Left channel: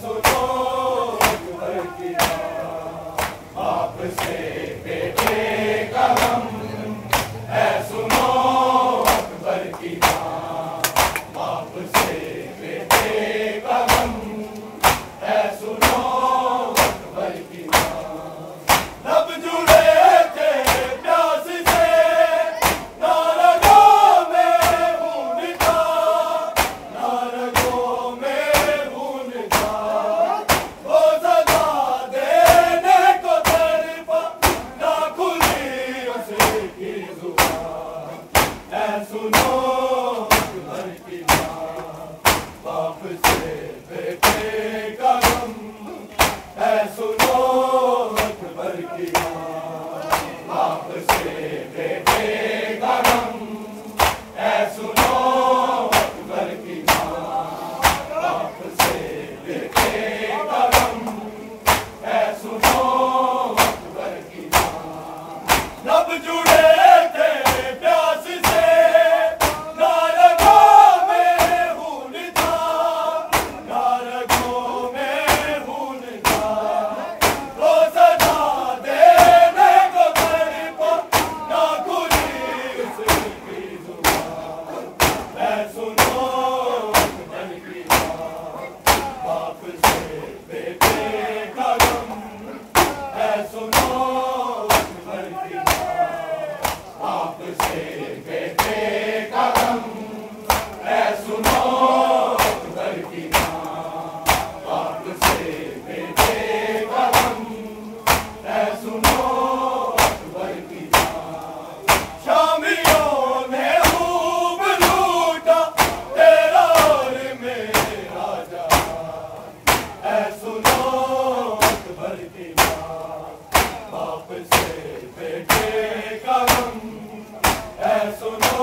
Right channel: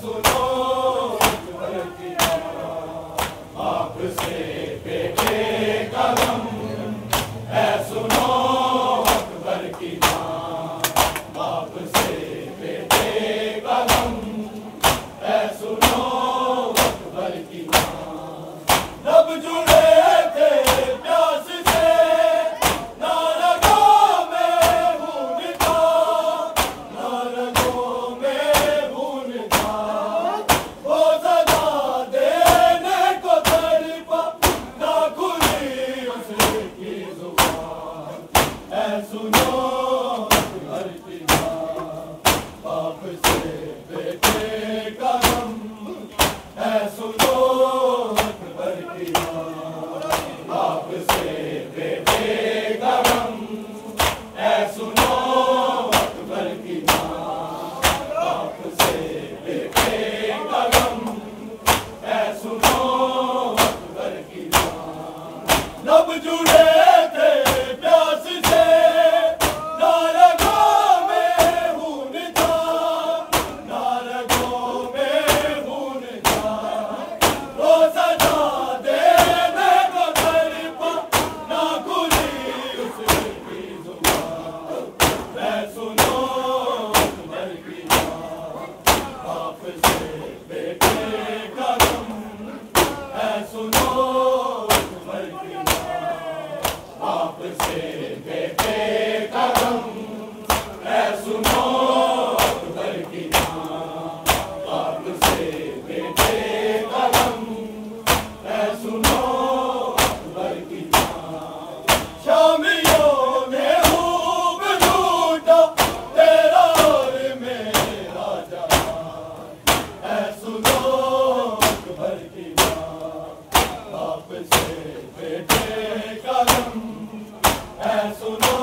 सुनो अकबर की बात, बाप से बेटे का गम, है सुनो अकबर की बात, बाप से बेटे का गम, है सुनो अकबर की बात। लब जुड़े थे प्यास से, नारगों में खून था, नारगों में खून था, वो सदा देने को तड़पा, ना खुली उसकी जुबान, ऐ सुनो अकबर की बात, बाप से बेटे का गम, ऐ सुनो अकबर की बात, बाप से बेटे का गम, ऐ सुनो अकबर की बात, बाप से बेटे का गम, ऐ सुनो अकबर की बात। लब जुड़े थे प्यास से, नारगों में खून था, नारगों में खून था, वो सदा देने को तड़पा, ना खुली उसकी जुबान, ऐ सुनो अकबर की बात, बाप से बेटे का गम, ऐ सुनो अकबर की बात, बाप से बेटे का गम, ऐ सुनो अकबर की बात, बाप से बेटे का गम, ऐ सुनो अकबर की बात। शामियों ने खूब लूटा तेरा और मेरा जहां, ऐ सुनो अकबर की बात, बाप से बेटे का गम, ऐ सुनो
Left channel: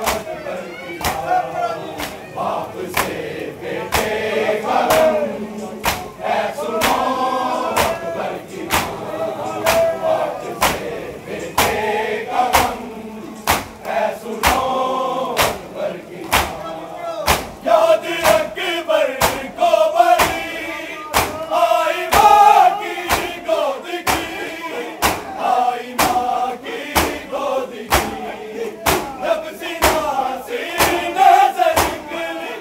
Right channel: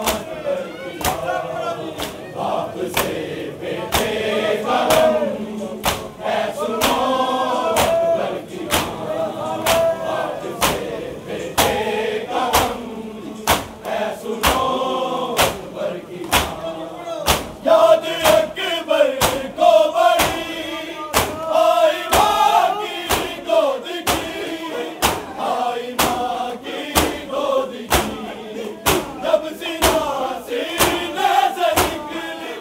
अकबर की बात, बाप से बेटे का गम, ऐ सुनो अकबर की बात, बाप से बेटे का गम, ऐ सुनो अकबर की बात। याद अकबर को बड़ी आई माँ की गोद की, आई माँ की गोद की, जब सीना सीने से निकली,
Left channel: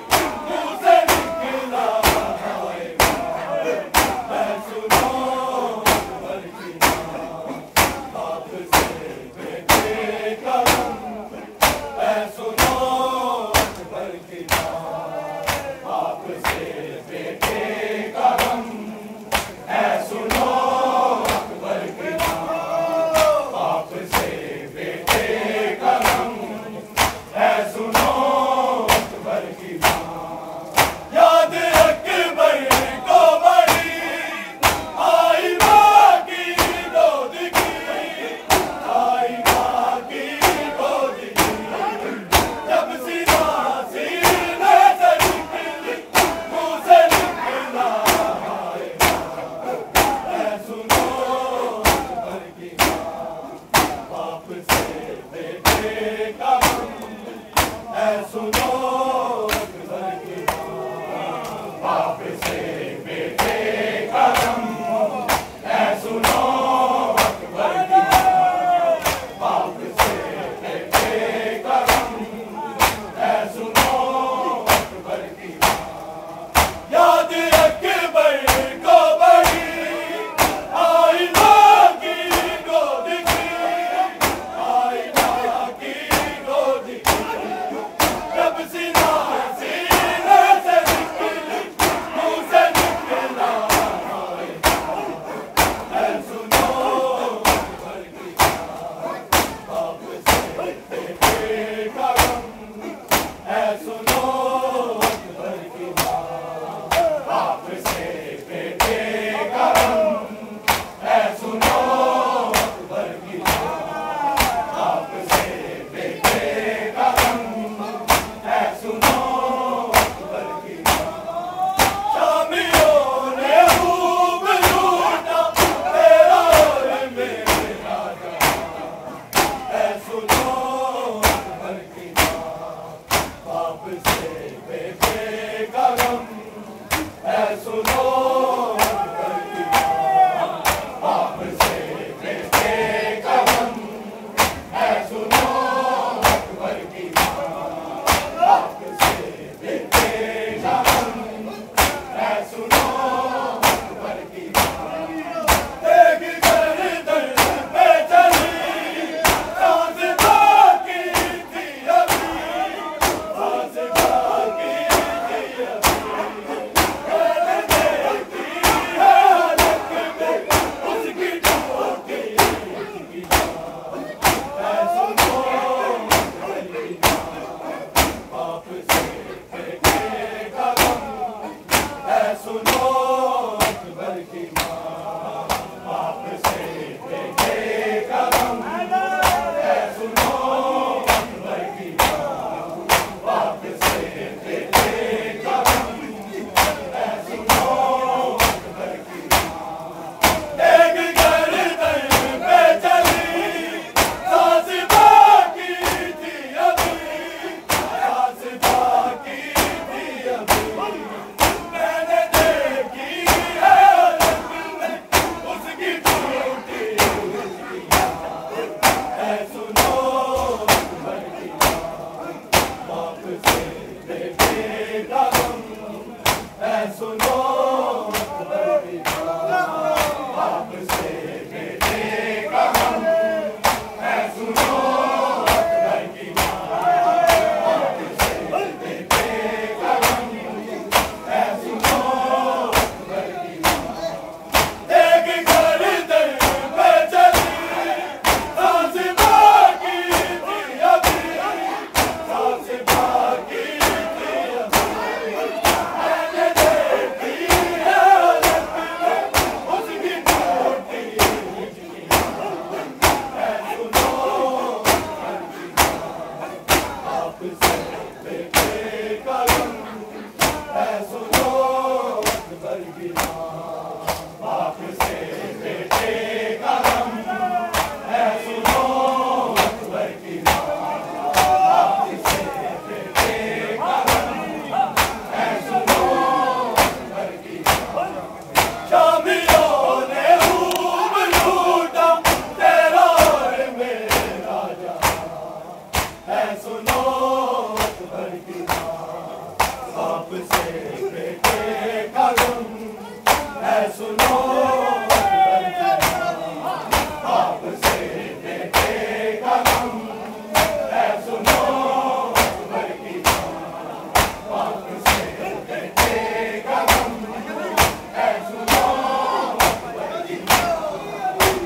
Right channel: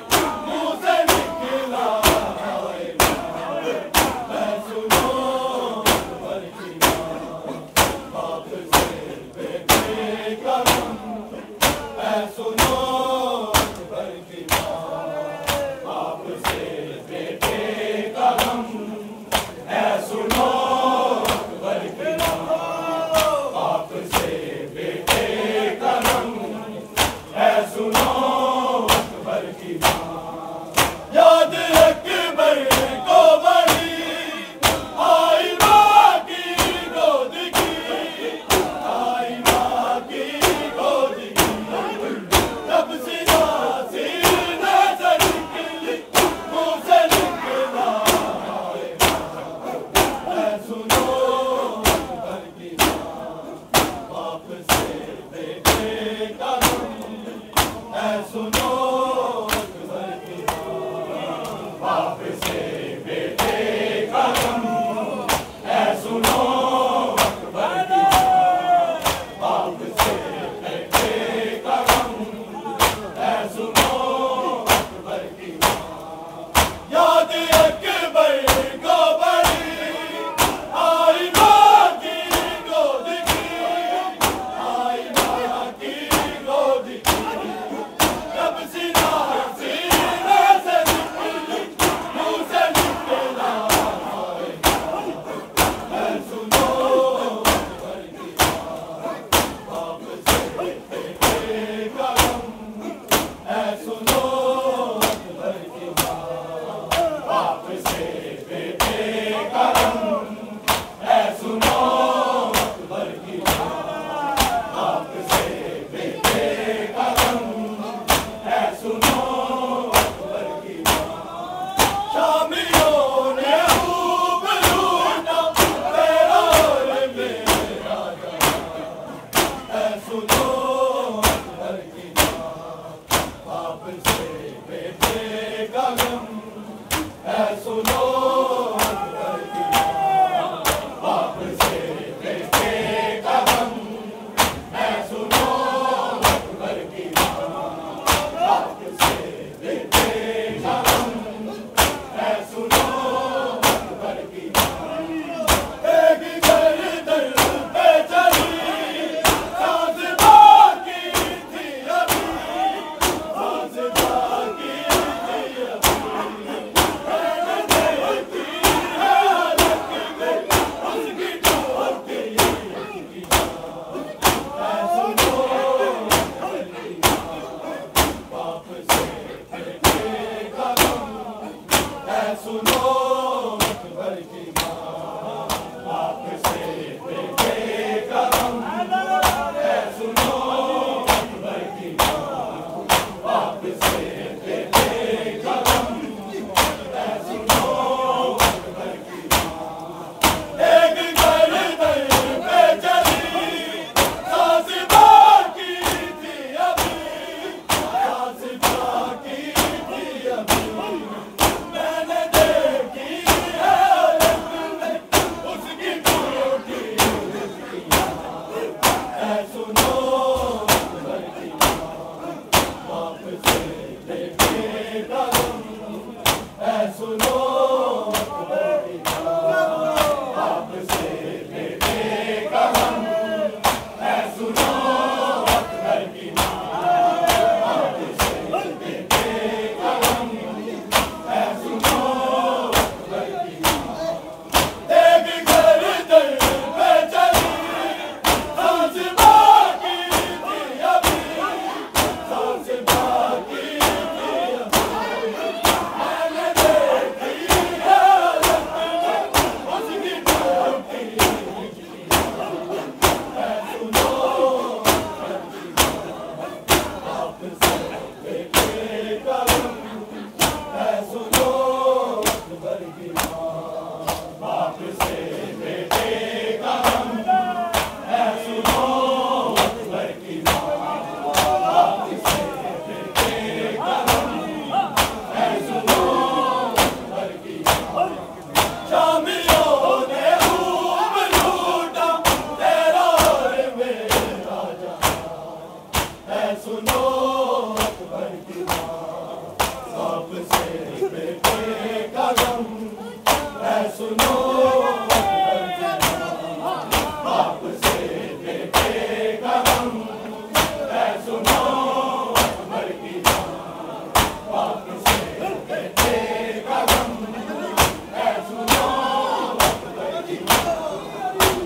मुँह से निकला हाय माँ, ऐ सुनो अकबर की बात, बाप से बेटे का गम, ऐ सुनो अकबर की बात, बाप से बेटे का गम, ऐ सुनो अकबर की बात, बाप से बेटे का गम, ऐ सुनो अकबर की बात। याद अकबर को बड़ी आई माँ की गोद की, आई माँ की गोद की, जब सीना सीने से निकली, मुँह से निकला हाय माँ, ऐ सुनो अकबर की बात, बाप से बेटे का गम, ऐ सुनो अकबर की बात, बाप से बेटे का गम, ऐ सुनो अकबर की बात, बाप से बेटे का गम, ऐ सुनो अकबर की बात। याद अकबर को बड़ी आई माँ की गोद की, आई माँ की गोद की, जब सीना सीने से निकली, मुँह से निकला सुनो बाप से बेटे का गम है, सुनो अकबर की बाप से बेटे का गम है, सुनो अकबर की एक गर्दन पे चली सांस बाकी थी अभी, सांस बाकी थी अभी, मैंने देखी है हालत में उसकी टूटी है, सुनो बाप से बेटे का गम है, सुनो अकबर की बाप से बेटे का गम है, सुनो अकबर की बाप से बेटे का गम है, सुनो अकबर की एक गर्दन पे चली सांस बाकी थी अभी, सांस बाकी थी अभी, मैंने देखी है उसकी टूटी है, सुनो अकबर की बाप से बेटे का गम है, सुनो अकबर की बाप से बेटे का गम है, सुनो अकबर की बाप से बेटे का गम है, सुनो अकबर की एक गर्दन पे चली सांस बाकी थी अभी, सांस बाकी थी अभी, मैंने देखी है हालत में उसकी टूटी है, सुनो बाप से बेटे का गम है, सुनो अकबर की बाप से बेटे का गम है, सुनो अकबर की बाप से बेटे का गम है, सुनो अकबर की शामियों ने खूब लूटा तेरा और मेरा जान है, सुनो अकबर की बाप से बेटे का गम है, सुनो अकबर की बाप से बेटे का गम है, सुनो अकबर की बाप से बेटे का गम है, सुनो अकबर की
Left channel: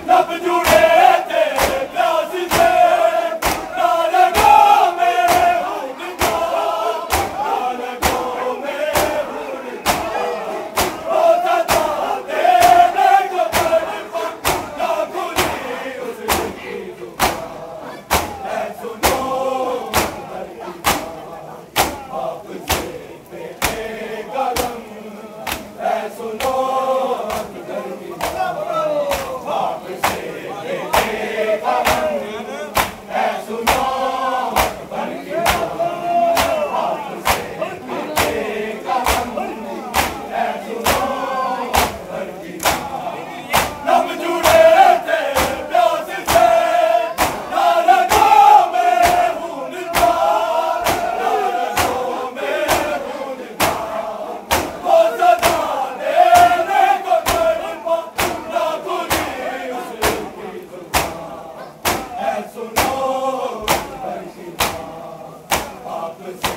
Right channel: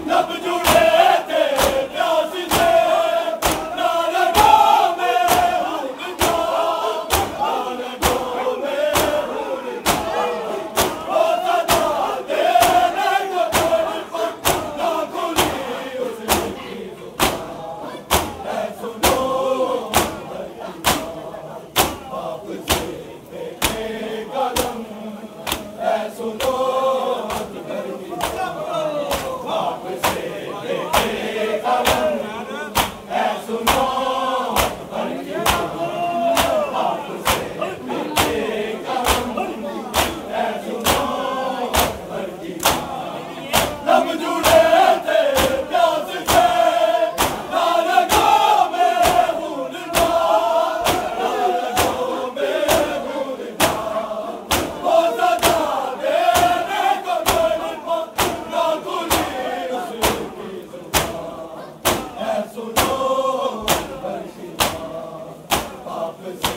लब जुड़े थे प्यास से ना लगा मेरे उनका, ना लगा मेरे उनका, वो सदा देने को तड़प ना खुली उसकी जुबान है, सुनो अकबर की बाप से बेटे का गम है, सुनो अकबर की बाप से बेटे का गम है, सुनो अकबर की बाप से बेटे का गम है, सुनो अकबर की लब जुड़े थे प्यास से ना लगा मेरे खून का, ना लगा मेरे खून का, वो सदा देने को तड़पा ना खुली उसकी जुबान है, सुनो अकबर की बाप से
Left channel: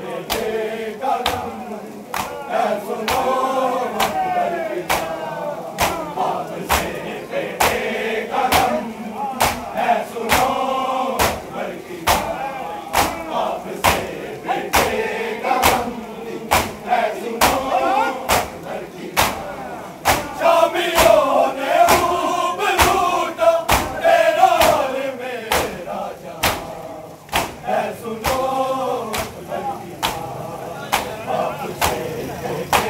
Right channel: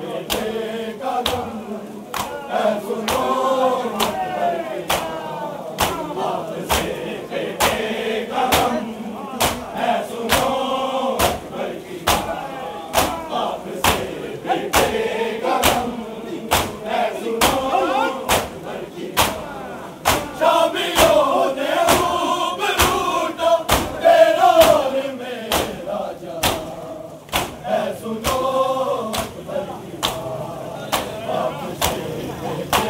बेटे का गम है, सुनो अकबर की बाप से बेटे का गम है, सुनो अकबर की बाप से बेटे का गम है, सुनो अकबर की शामियों ने खूब लूटा तेरा और मेरा जान है, सुनो अकबर की बाप से बेटे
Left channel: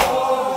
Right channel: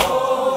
को